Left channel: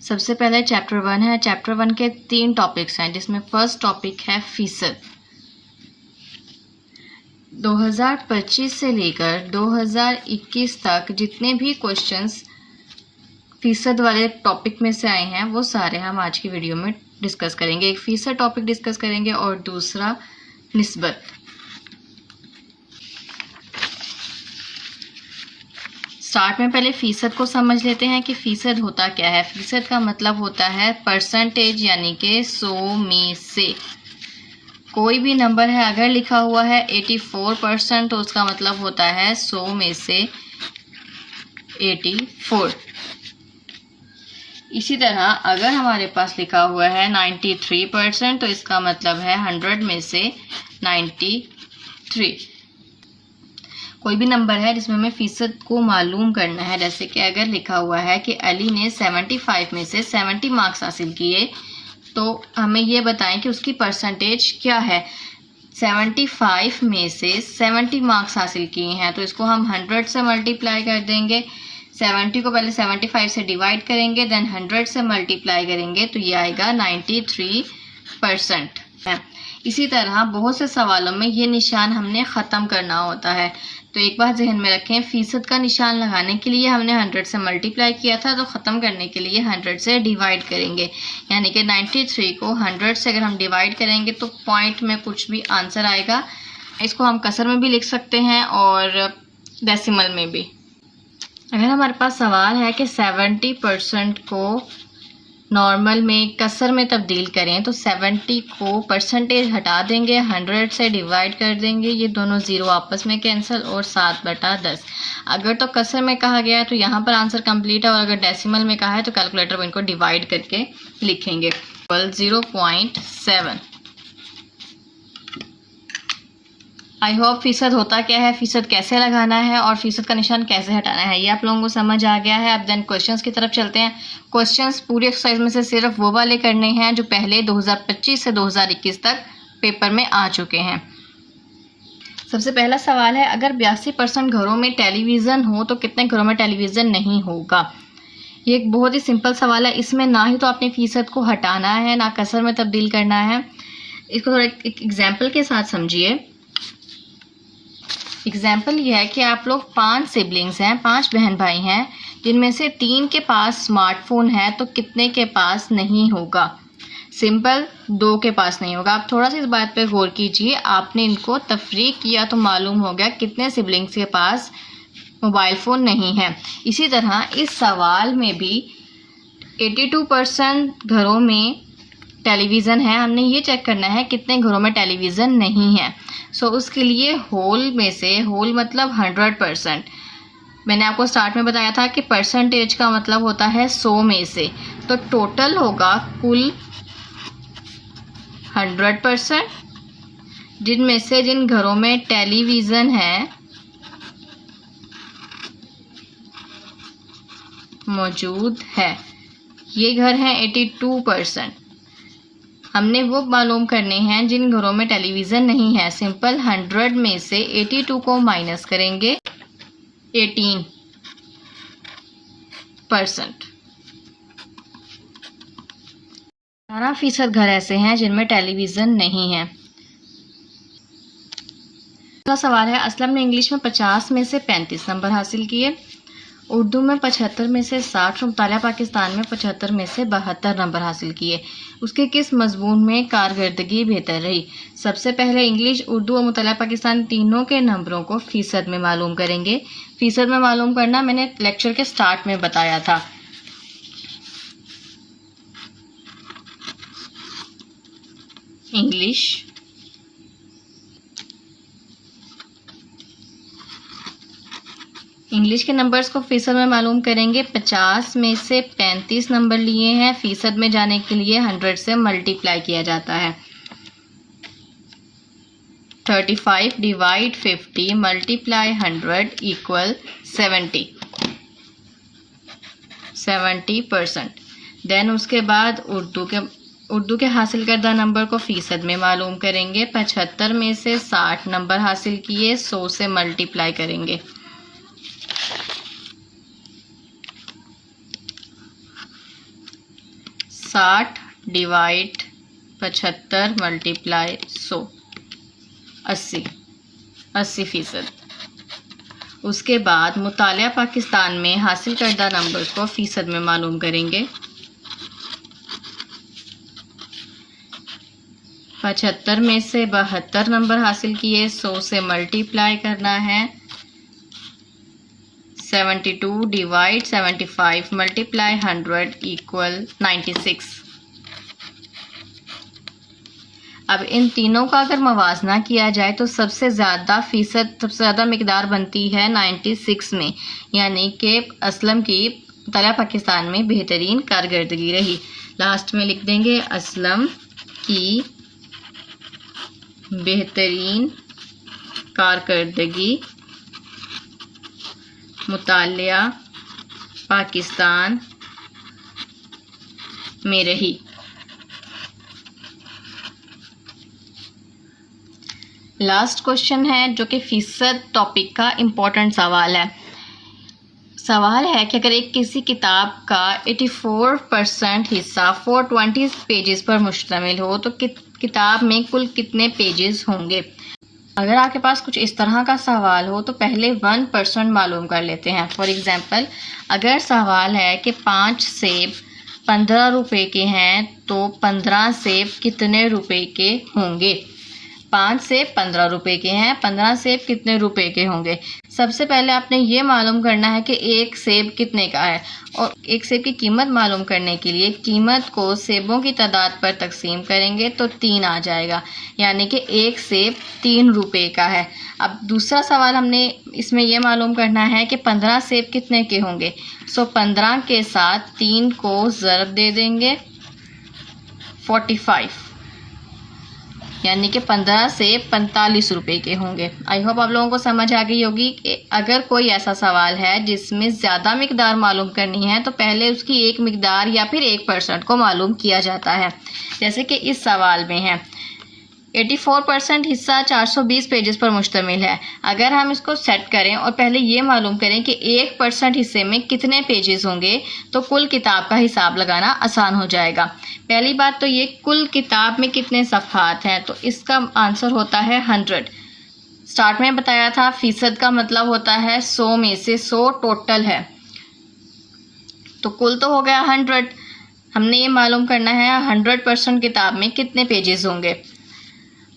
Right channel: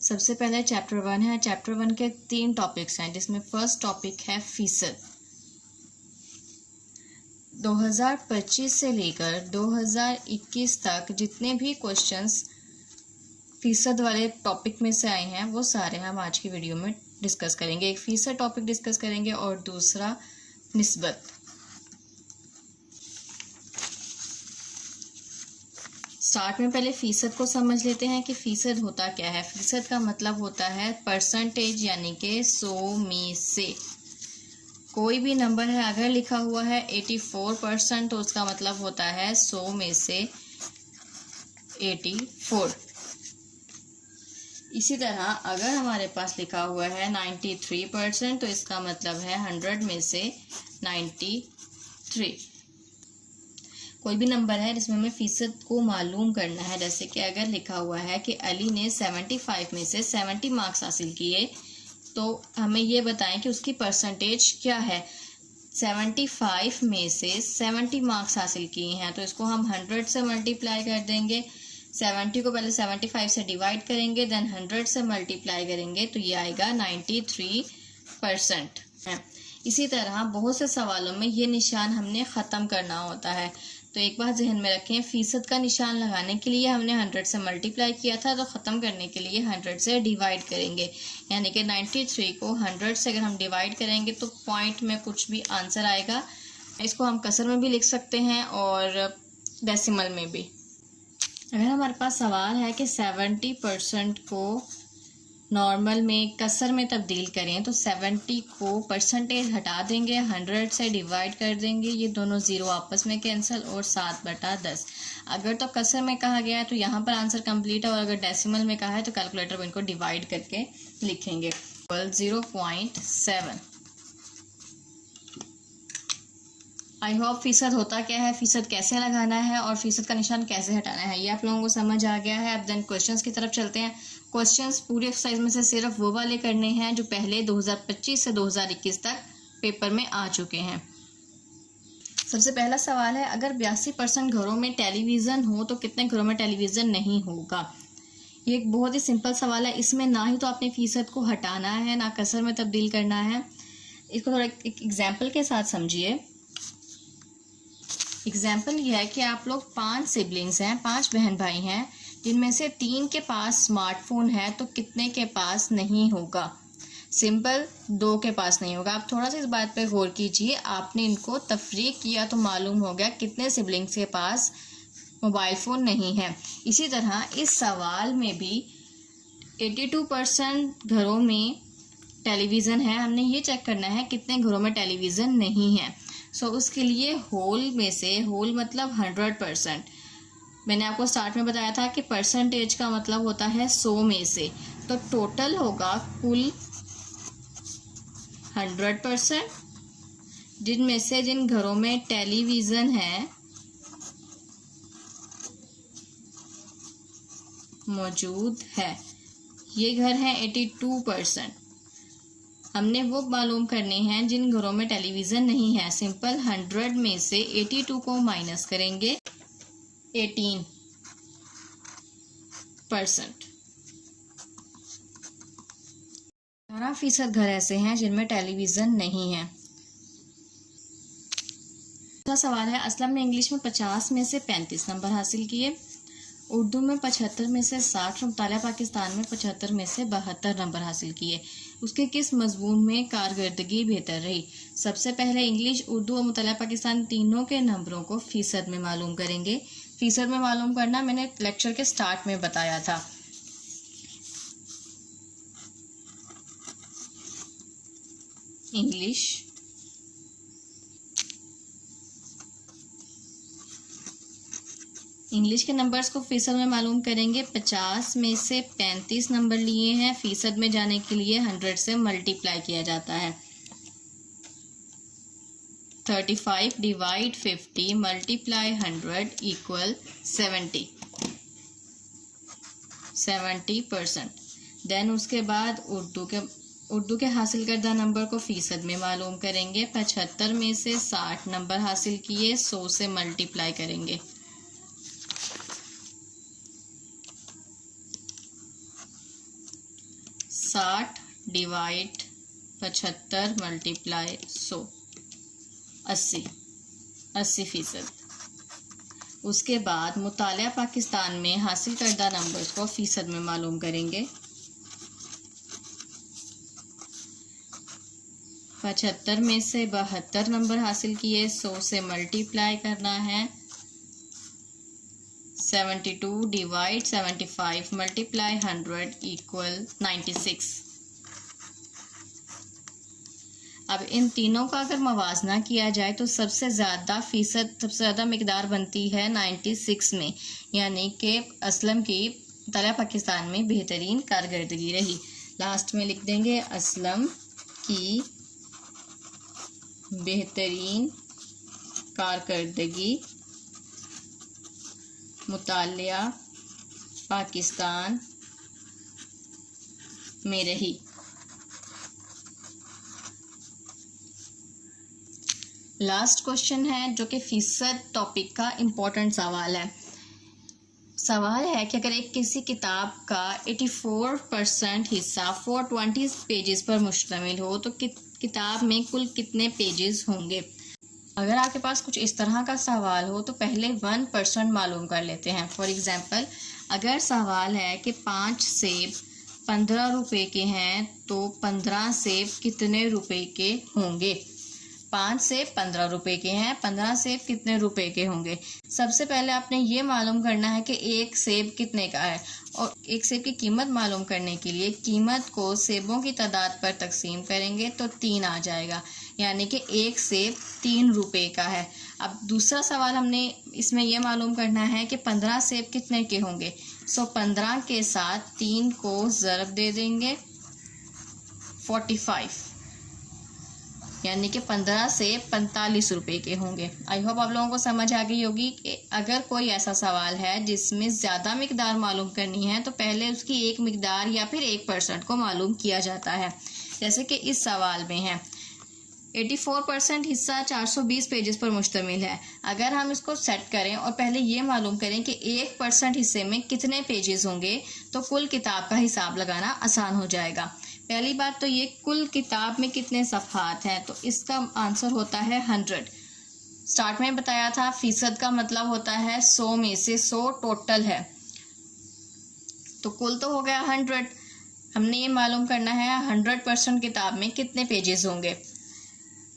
सबसे पहले चैप्टर 1 है। चैप्टर 1 के 3 टॉपिक्स हैं, जिसमें फर्स्ट टॉपिक है फीसद। 2025 से लेकर 2021 तक जितने भी क्वेश्चंस फीसद वाले टॉपिक में से आए हैं वो सारे हम आज की वीडियो में डिस्कस करेंगे। एक फीसद टॉपिक डिस्कस करेंगे और दूसरा निस्बत। स्टार्ट में पहले फ़ीसद को समझ लेते हैं कि फ़ीसद होता क्या है। फ़ीसद का मतलब होता है परसेंटेज, यानी कि 100 में से कोई भी नंबर है अगर लिखा हुआ है 84% तो उसका मतलब होता है 100 में से 84। इसी तरह अगर हमारे पास लिखा हुआ है 93% तो इसका मतलब है 100 में से 93। कोई भी नंबर है जिसमें हमें फ़ीसद को मालूम करना है, जैसे कि अगर लिखा हुआ है कि अली ने 75 में से 70 मार्क्स हासिल किए, तो हमें ये बताएं कि उसकी परसेंटेज क्या है। 75 में से 70 मार्क्स हासिल किए हैं तो इसको हम 100 से मल्टीप्लाई कर देंगे। 70 को पहले 75 से डिवाइड करेंगे, देन 100 से मल्टीप्लाई करेंगे तो ये आएगा 93%। इसी तरह बहुत से सवालों में ये निशान हमने ख़त्म करना होता है। तो एक बात जहन में रखें, फ़ीसद का निशान लगाने के लिए हमने 100 से मल्टीप्लाई किया था, तो ख़त्म करने के लिए 100 से डिवाइड करेंगे। यानी कि 93 को 100 से अगर हम डिवाइड करेंगे तो पॉइंट में कुछ भी आंसर आएगा। इसको हम कसर में भी लिख सकते हैं और डेसिमल में भी। अगर हमारे पास सवाल है कि 70% को नॉर्मल में कसर में तब्दील करें तो 70 को परसेंटेज हटा देंगे, 100 से डिवाइड कर देंगे, ये दोनों ज़ीरो आपस में कैंसिल और 7/10। अगर तो कसर में कहा गया है तो यहाँ पर आंसर कंप्लीट है, और अगर डेसिमल में कहा है तो कैलकुलेटर में इनको डिवाइड करके लिखेंगे। 0.7। आई होप फ़ीसद होता क्या है, फ़ीसद कैसे लगाना है और फ़ीसद का निशान कैसे हटाना है ये आप लोगों को समझ आ गया है। अब देन क्वेश्चंस की तरफ चलते हैं। क्वेश्चंस पूरी एक्सरसाइज में से सिर्फ वो वाले करने हैं जो पहले 2025 से 2021 तक पेपर में आ चुके हैं। सबसे पहला सवाल है, अगर 82% घरों में टेलीविज़न हो तो कितने घरों में टेलीविज़न नहीं होगा। ये एक बहुत ही सिंपल सवाल है। इसमें ना ही तो आपने फ़ीसद को हटाना है ना कसर में तब्दील करना है। इसको थोड़ा एक एग्जाम्पल के साथ समझिए। एग्जाम्पल ये है कि आप लोग 5 सिबलिंग्स हैं, 5 बहन भाई हैं, जिनमें से 3 के पास स्मार्टफोन है तो कितने के पास नहीं होगा। सिंपल, 2 के पास नहीं होगा। आप थोड़ा सा इस बात पे गौर कीजिए। आपने इनको तफरीक किया तो मालूम हो गया कितने सिबलिंग्स के पास मोबाइल फ़ोन नहीं है। इसी तरह इस सवाल में भी 82% घरों में टेलीविज़न है, हमने ये चेक करना है कितने घरों में टेलीविज़न नहीं है। सो उसके लिए होल में से, होल मतलब 100%। मैंने आपको स्टार्ट में बताया था कि परसेंटेज का मतलब होता है 100 में से, तो टोटल होगा कुल 100%, जिनमें से जिन घरों में टेलीविज़न है मौजूद है, ये घर हैं 82%। हमने वो मालूम करने हैं जिन घरों में टेलीविज़न नहीं है। सिंपल, 100 में से 82 को माइनस करेंगे, 18%। 18% घर ऐसे हैं जिनमें टेलीविज़न नहीं है। दूसरा सवाल है, असलम ने इंग्लिश में 50 में से 35 नंबर हासिल किए, उर्दू में 75 में से 60, मुतालिया पाकिस्तान में 75 में से 72 नंबर हासिल किए। उसके किस मजमून में कारकर्दगी बेहतर रही। सबसे पहले इंग्लिश, उर्दू और मुतालिया पाकिस्तान तीनों के नंबरों को फ़ीसद में मालूम करेंगे। फ़ीसद में मालूम करना मैंने लेक्चर के स्टार्ट में बताया था। इंग्लिश के नंबर्स को फ़ीसद में मालूम करेंगे। 50 में से 35 नंबर लिए हैं, फ़ीसद में जाने के लिए 100 से मल्टीप्लाई किया जाता है। 35 डिवाइड 50 मल्टीप्लाई 100 इक्वल 70%। देन उसके बाद उर्दू के हासिल करदा नंबर को फ़ीसद में मालूम करेंगे। 75 में से 60 नंबर हासिल किए, 100 से मल्टीप्लाई करेंगे। 60 डिवाइड 75 मल्टीप्लाई 100, 80%। उसके बाद मुतालिया पाकिस्तान में हासिल करदा नंबर्स को फ़ीसद में मालूम करेंगे। 75 में से 72 नंबर हासिल किए, 100 से मल्टीप्लाई करना है। 72 डिवाइड 75 मल्टीप्लाई 100 इक्वल 96। अब इन तीनों का अगर मवाजना किया जाए तो सबसे ज़्यादा मिकदार बनती है 96 में, यानी कि असलम की मुतालिया पाकिस्तान में बेहतरीन कारकर्दगी रही। लास्ट में लिख देंगे असलम की बेहतरीन कारकर्दगी मुतालिया पाकिस्तान में रही। लास्ट क्वेश्चन है जो कि फ़ीसद टॉपिक का इम्पोर्टेंट सवाल है। सवाल है कि अगर किसी किताब का 84% हिस्सा 420 पेजेस पर मुश्तमिल हो तो किताब में कुल कितने पेजेस होंगे। अगर आपके पास कुछ इस तरह का सवाल हो तो पहले 1% मालूम कर लेते हैं। फॉर एग्ज़ाम्पल, अगर सवाल है कि 5 सेब 15 रुपए के हैं तो 15 सेब कितने रुपए के होंगे। 5 सेब 15 रुपए के हैं, 15 सेब कितने रुपए के होंगे। सबसे पहले आपने ये मालूम करना है कि एक सेब कितने का है, और एक सेब की कीमत मालूम करने के लिए कीमत को सेबों की तादाद पर तकसीम करेंगे तो 3 आ जाएगा, यानी कि एक सेब 3 रुपए का है। अब दूसरा सवाल हमने इसमें यह मालूम करना है कि 15 सेब कितने के होंगे। 15 के साथ 3 को ज़रब दे देंगे 45, यानी कि 15 से 45 रुपए के होंगे। आई होप आप लोगों को समझ आ गई होगी कि अगर कोई ऐसा सवाल है जिसमें ज़्यादा मिकदार मालूम करनी है तो पहले उसकी एक मिकदार या फिर 1% को मालूम किया जाता है। जैसे कि इस सवाल में है 84% हिस्सा 420 पेजेस पर मुश्तमिल है। अगर हम इसको सेट करें और पहले ये मालूम करें कि 1% हिस्से में कितने पेजेस होंगे तो कुल किताब का हिसाब लगाना आसान हो जाएगा। पहली बात तो ये कुल किताब में कितने सफ़हात हैं, तो इसका आंसर होता है 100। स्टार्ट में बताया था फ़ीसद का मतलब होता है 100 में से 100 टोटल है, तो कुल तो हो गया 100। हमने ये मालूम करना है 100% किताब में कितने पेजेस होंगे।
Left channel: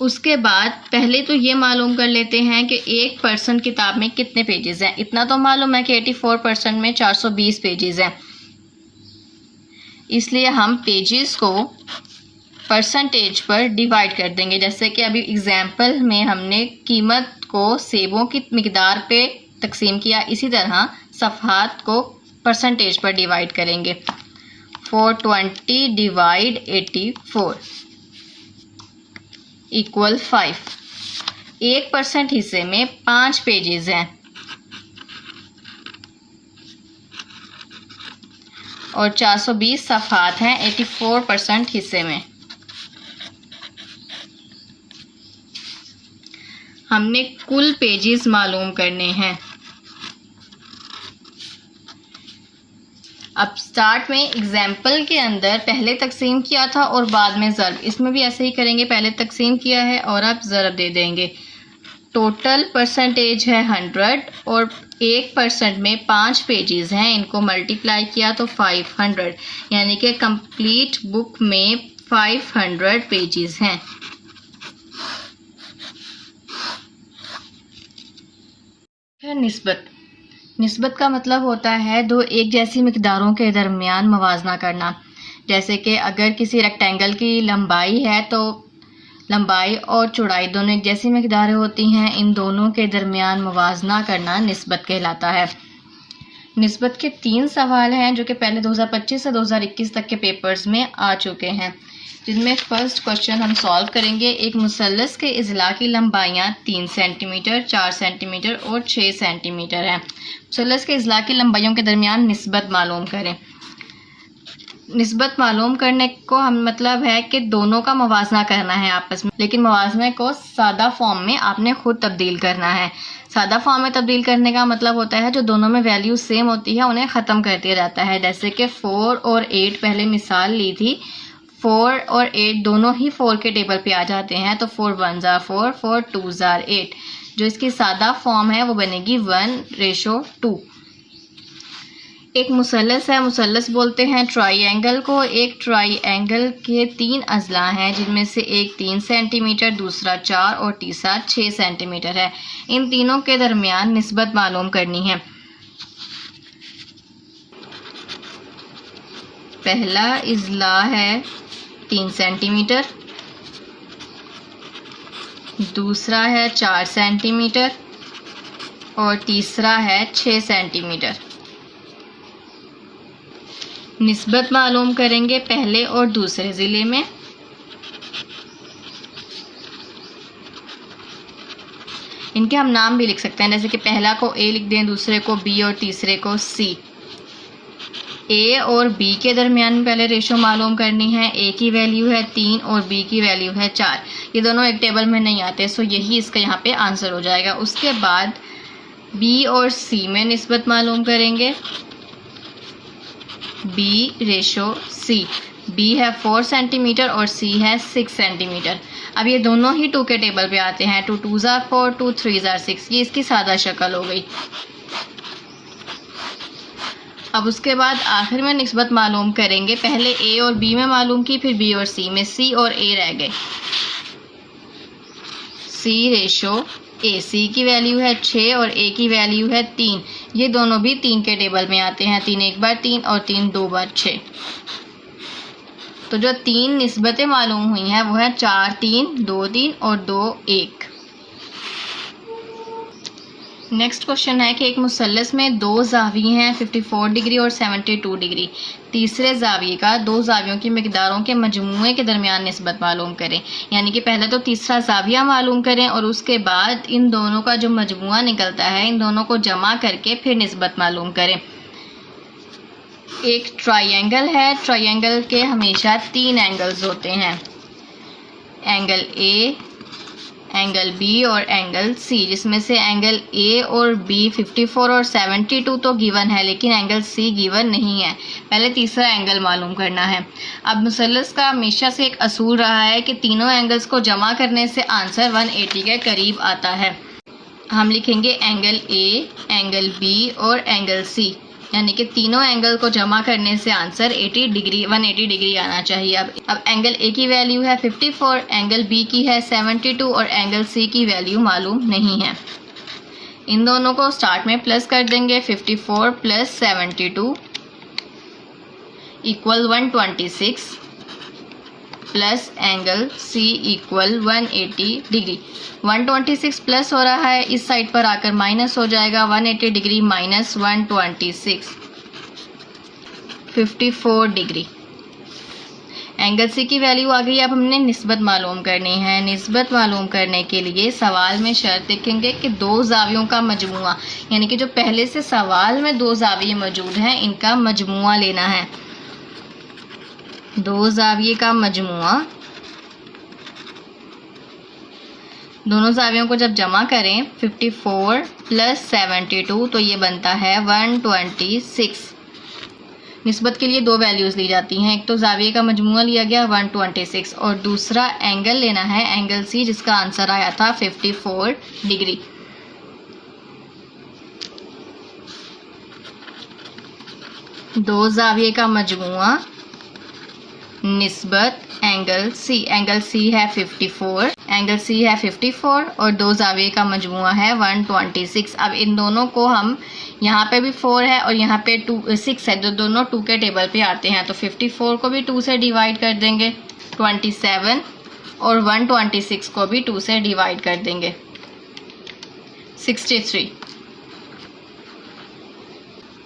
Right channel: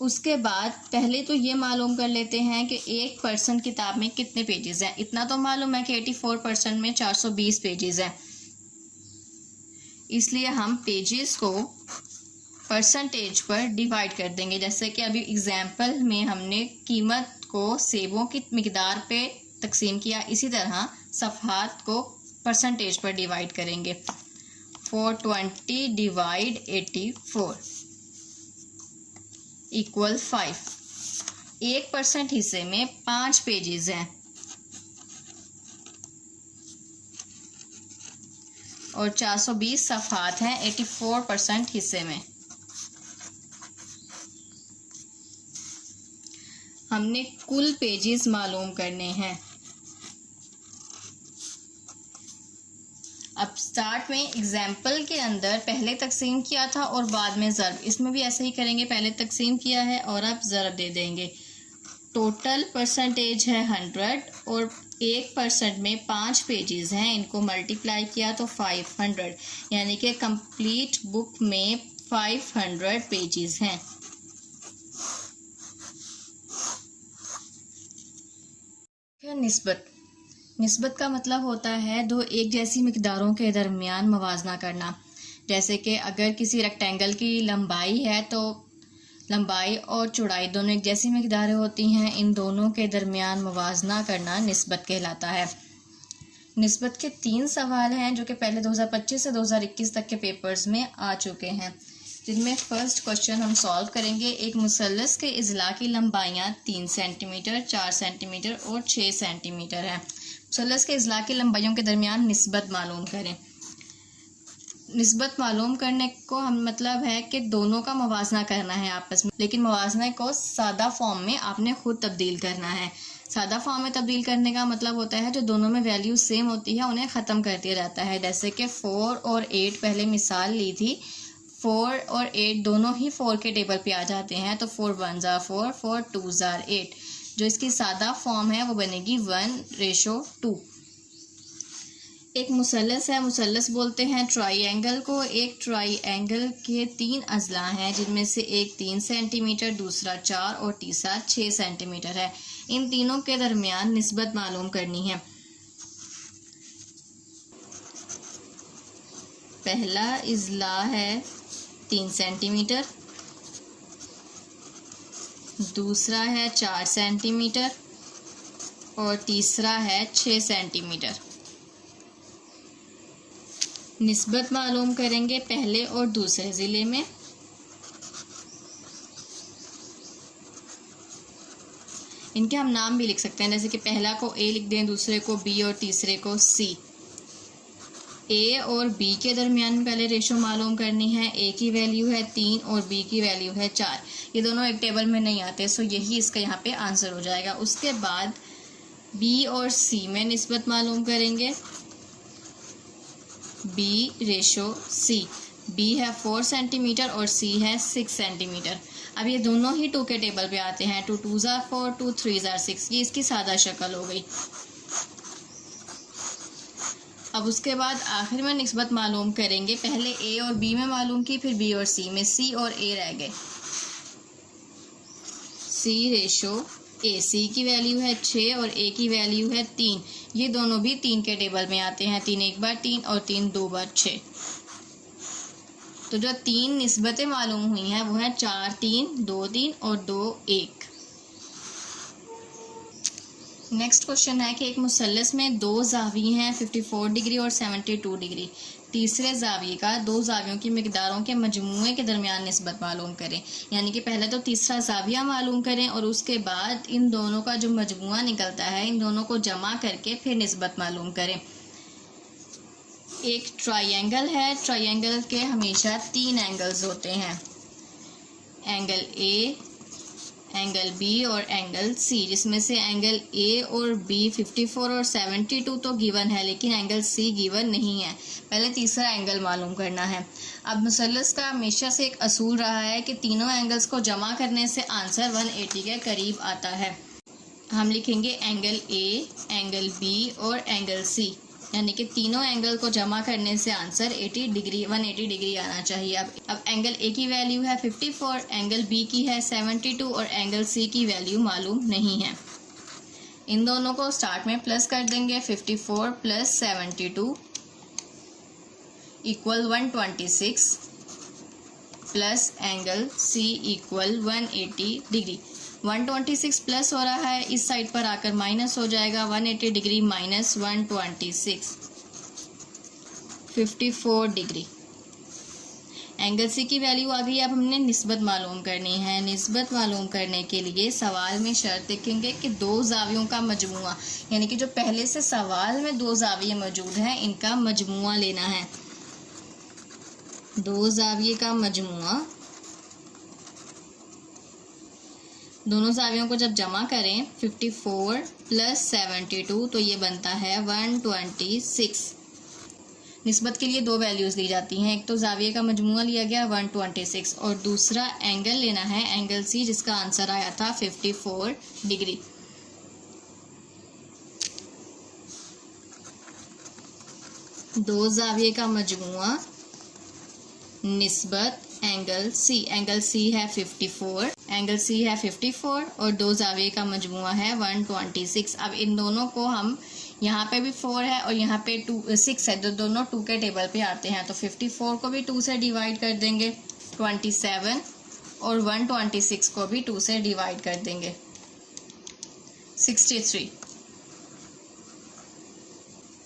उसके बाद पहले तो ये मालूम कर लेते हैं कि 1% किताब में कितने पेजेस हैं। इतना तो मालूम है कि 84% में 420 पेजेस हैं, इसलिए हम पेजेस को परसेंटेज पर डिवाइड कर देंगे। जैसे कि अभी एग्जाम्पल में हमने कीमत को सेबों की मिकदार पे तकसीम किया, इसी तरह सफ़हात को परसेंटेज पर डिवाइड करेंगे। 420 डिवाइड 84 इक्वल 5। 1% हिस्से में 5 पेजेस हैं और 420 सफ़हात हैं 84% हिस्से में। हमने कुल पेजेस मालूम करने हैं। अब स्टार्ट में एग्जाम्पल के अंदर पहले तकसीम किया था और बाद में ज़रब, इसमें भी ऐसे ही करेंगे। पहले तकसीम किया है और अब ज़रब दे देंगे। टोटल परसेंटेज है 100 और 1% में 5 पेजेस हैं, इनको मल्टीप्लाई किया तो 500, यानी कि कंप्लीट बुक में 500 पेजेस हैं। निस्बत का मतलब होता है दो एक जैसी मिकदारों के दरमियान मवाजना करना। जैसे कि अगर किसी रेक्टेंगल की लंबाई है तो लंबाई और चौड़ाई दोनों एक जैसी मिकदारें होती हैं, इन दोनों के दरमियान मवाजना करना निस्बत कहलाता है। निस्बत के 3 सवाल हैं जो कि पहले 2025 से 2021 तक के पेपर्स में आ चुके हैं, जिनमें फर्स्ट क्वेश्चन हम सॉल्व करेंगे। एक मुसल्लस के इज़ला की लंबाइयाँ 3 सेंटीमीटर, 4 सेंटीमीटर और 6 सेंटीमीटर हैं। मुसल्लस के इज़ला की लंबाइयों के दरमियान निस्बत मालूम करें। निस्बत मालूम करने को हम मतलब है कि दोनों का मवाजना करना है आपस में, लेकिन मवाजने को सादा फॉर्म में आपने खुद तब्दील करना है। सादा फॉर्म में तब्दील करने का मतलब होता है जो दोनों में वैल्यू सेम होती है उन्हें ख़त्म कर दिया जाता है। जैसे कि 4 और 8 पहले मिसाल ली थी, 4 और 8 दोनों ही 4 के टेबल पे आ जाते हैं, तो 4 1 ज़ा 4, 4 2 ज़ा 8। जो इसकी सादा फॉर्म है वो बनेगी 1:2। एक मुसल्लस है, मुसल्लस बोलते हैं ट्राइएंगल को। एक ट्राइएंगल के 3 अज़ला हैं जिनमें से एक 3 सेंटीमीटर, दूसरा 4 और तीसरा 6 सेंटीमीटर है। इन तीनों के दरमियान निस्बत मालूम करनी है। पहला अज़ला है 3 सेंटीमीटर, दूसरा है 4 सेंटीमीटर और तीसरा है 6 सेंटीमीटर। निस्बत मालूम करेंगे पहले और दूसरे ज़िले में। इनके हम नाम भी लिख सकते हैं, जैसे कि पहला को ए लिख दें, दूसरे को बी और तीसरे को सी। ए और बी के दरमियान पहले रेशो मालूम करनी है। ए की वैल्यू है 3 और बी की वैल्यू है 4। ये दोनों एक टेबल में नहीं आते, सो यही इसका यहाँ पे आंसर हो जाएगा। उसके बाद बी और सी में निस्बत मालूम करेंगे। B/C। बी है 4 सेंटीमीटर और सी है 6 सेंटीमीटर। अब ये दोनों ही 2 के टेबल पे आते हैं। 2 2 ज़ा 4, 2 3 ज़ा 6। ये इसकी सादा शक्ल हो गई। अब उसके बाद आखिर में निस्बत मालूम करेंगे। पहले ए और बी में मालूम की, फिर बी और सी में। सी और ए रह गए। C/A। सी की वैल्यू है 6 और ए की वैल्यू है 3। ये दोनों भी 3 के टेबल में आते हैं। 3 एक बार 3 और 3 2 बार 6। तो जो 3 निस्बतें मालूम हुई हैं वो है 4 3, 2 3 और 2 1। नेक्स्ट क्वेश्चन है कि एक मुसल्लस में 2 ज़ाविये हैं 54 डिग्री और 72 डिग्री। तीसरे ज़ाविये का 2 ज़ावियों की मिकदारों के मजमूए के दरमियान निस्बत मालूम करें। यानी कि पहले तो तीसरा ज़ाविया मालूम करें और उसके बाद इन दोनों का जो मजमूआ निकलता है इन दोनों को जमा करके फिर निस्बत मालूम करें। एक ट्राइएंगल है। ट्राइएंगल के हमेशा 3 एंगल्स होते हैं, एंगल ए, एंगल बी और एंगल सी, जिसमें से एंगल ए और बी 54 और 72 तो गिवन है, लेकिन एंगल सी गिवन नहीं है। पहले तीसरा एंगल मालूम करना है। अब मुसल्लस का हमेशा से एक असूल रहा है कि तीनों एंगल्स को जमा करने से आंसर 180 के करीब आता है। हम लिखेंगे एंगल ए, एंगल बी और एंगल सी, यानी कि तीनों एंगल को जमा करने से आंसर 180 डिग्री आना चाहिए। अब एंगल ए की वैल्यू है 54, एंगल बी की है 72 और एंगल सी की वैल्यू मालूम नहीं है। इन दोनों को स्टार्ट में प्लस कर देंगे। 54 + 72 = 126 plus angle C = 180 degree. 126 plus हो रहा है, इस साइड पर आकर माइनस हो जाएगा। 180 degree minus 126, 54 degree. Angle C की वैल्यू आ गई। अब हमने निस्बत मालूम करनी है। निस्बत मालूम करने के लिए सवाल में शर्त देखेंगे कि 2 ज़ावियों का मजमुआ, यानी कि जो पहले से सवाल में 2 ज़ाविये मौजूद हैं इनका मजमुआ लेना है। 2 ज़ाविये का मजमुआ, दोनों ज़ावियों को जब जमा करें 54 + 72 तो ये बनता है 126। निस्बत के लिए 2 वैल्यूज़ ली जाती हैं। एक तो ज़ाविये का मजमुआ लिया गया 126 और दूसरा एंगल लेना है, एंगल सी, जिसका आंसर आया था 54 डिग्री। दो ज़ाविये का मजमुआ निस्बत एंगल सी। एंगल सी है 54, एंगल सी है 54 और 2 ज़ाविये का मजमुआ है 126। अब इन दोनों को हम, यहाँ पे भी 4 है और यहाँ पे 6 है, जो दोनों 2 के टेबल पे आते हैं, तो 54 को भी 2 से डिवाइड कर देंगे 27 और 126 को भी 2 से डिवाइड कर देंगे 63।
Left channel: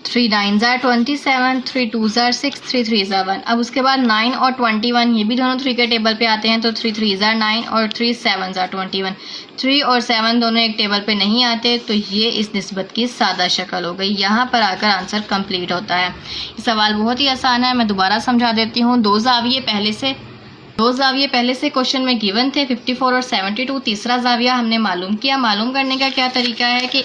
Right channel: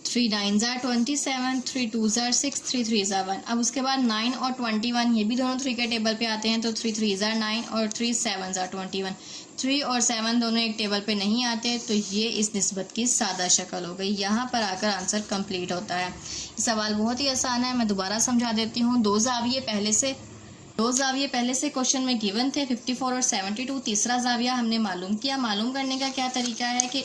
3 9 ज़ा 27, 3 2 ज़ा 6, 3 3 ज़ा 1। अब उसके बाद 9 और 21 ये भी दोनों 3 के टेबल पे आते हैं, तो 3 3 ज़ा 9 और 3 7 ज़ा 21। 3 और 7 दोनों एक टेबल पे नहीं आते, तो ये इस निस्बत की सादा शक्ल हो गई। यहाँ पर आकर आंसर कंप्लीट होता है। ये सवाल बहुत ही आसान है, मैं दोबारा समझा देती हूँ। 2 ज़ाविये पहले से दो जाविये पहले से क्वेश्चन में गिवन थे 54 और 72। तीसरा जाविया हमने मालूम किया। मालूम करने का क्या तरीका है कि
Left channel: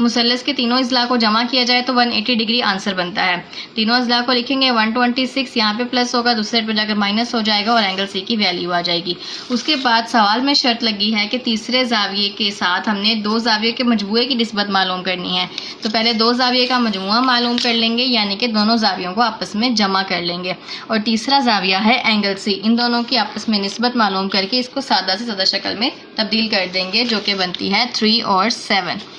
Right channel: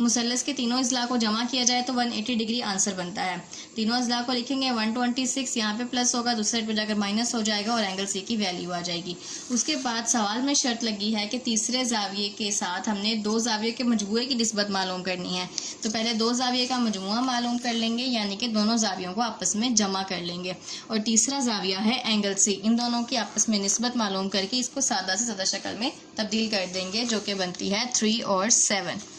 मुसल्लस के तीनों अज़ला को जमा किया जाए तो 180 डिग्री आंसर बनता है। तीनों अज़ला को लिखेंगे 126, यहाँ पे प्लस होगा, दूसरे पे जाकर माइनस हो जाएगा और एंगल सी की वैल्यू आ जाएगी। उसके बाद सवाल में शर्त लगी है कि तीसरे जाविये के साथ हमने दो जाविये के मजमूए की निस्बत मालूम करनी है। तो पहले दो जाविये का मजमूआ मालूम कर लेंगे, यानी कि दोनों जावियों को आपस में जमा कर लेंगे। और तीसरा जाविया है एंगल सी। इन दोनों की आपस में निस्बत मालूम करके इसको सादा से सादा शक्ल में तब्दील कर देंगे, जो कि बनती है 3 और 7।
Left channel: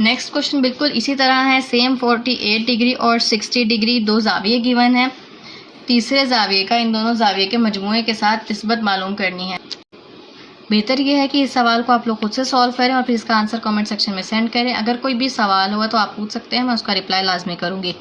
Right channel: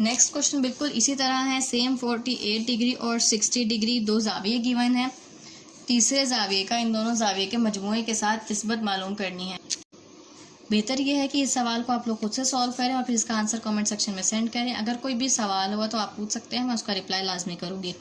नेक्स्ट क्वेश्चन बिल्कुल इसी तरह है, सेम 48 डिग्री और 60 डिग्री दो जाविये गिवन है। तीसरे जाविये का इन दोनों जाविये के मजमूए के साथ निस्बत मालूम करनी है। बेहतर यह है कि इस सवाल को आप लोग खुद से सॉल्व करें और फिर इसका आंसर कमेंट सेक्शन में सेंड करें। अगर कोई भी सवाल हुआ तो आप पूछ सकते हैं, मैं उसका रिप्लाई लाजमी करूँगी।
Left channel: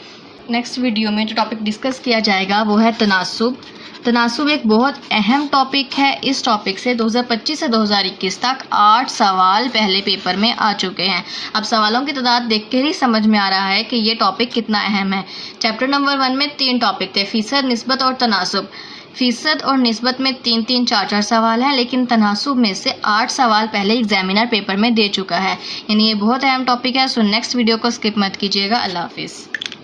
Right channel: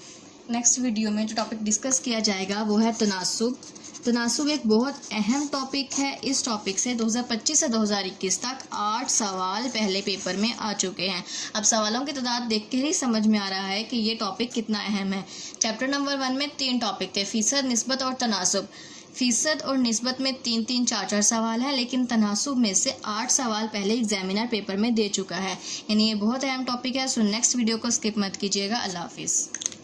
नेक्स्ट वीडियो में जो टॉपिक डिस्कस किया जाएगा वो है तनासुब। तनासुब एक बहुत अहम टॉपिक है। इस टॉपिक से 2025 से 2021 तक 8 सवाल पहले पेपर में आ चुके हैं। अब सवालों की तादाद देख कर ही समझ में आ रहा है कि ये टॉपिक कितना अहम है। चैप्टर नंबर 1 में 3 टॉपिक थे, फ़ीसद, निस्बत और तनासुब। फ़ीसद और निस्बत में 3-3, 4-4 सवाल हैं, लेकिन तनासुब में से 8 सवाल पहले एग्जामिनर पेपर में दे चुका है। यानी ये बहुत अहम टॉपिक है। सो नेक्स्ट वीडियो को स्किप मत कीजिएगा। अल्लाह हाफिज़।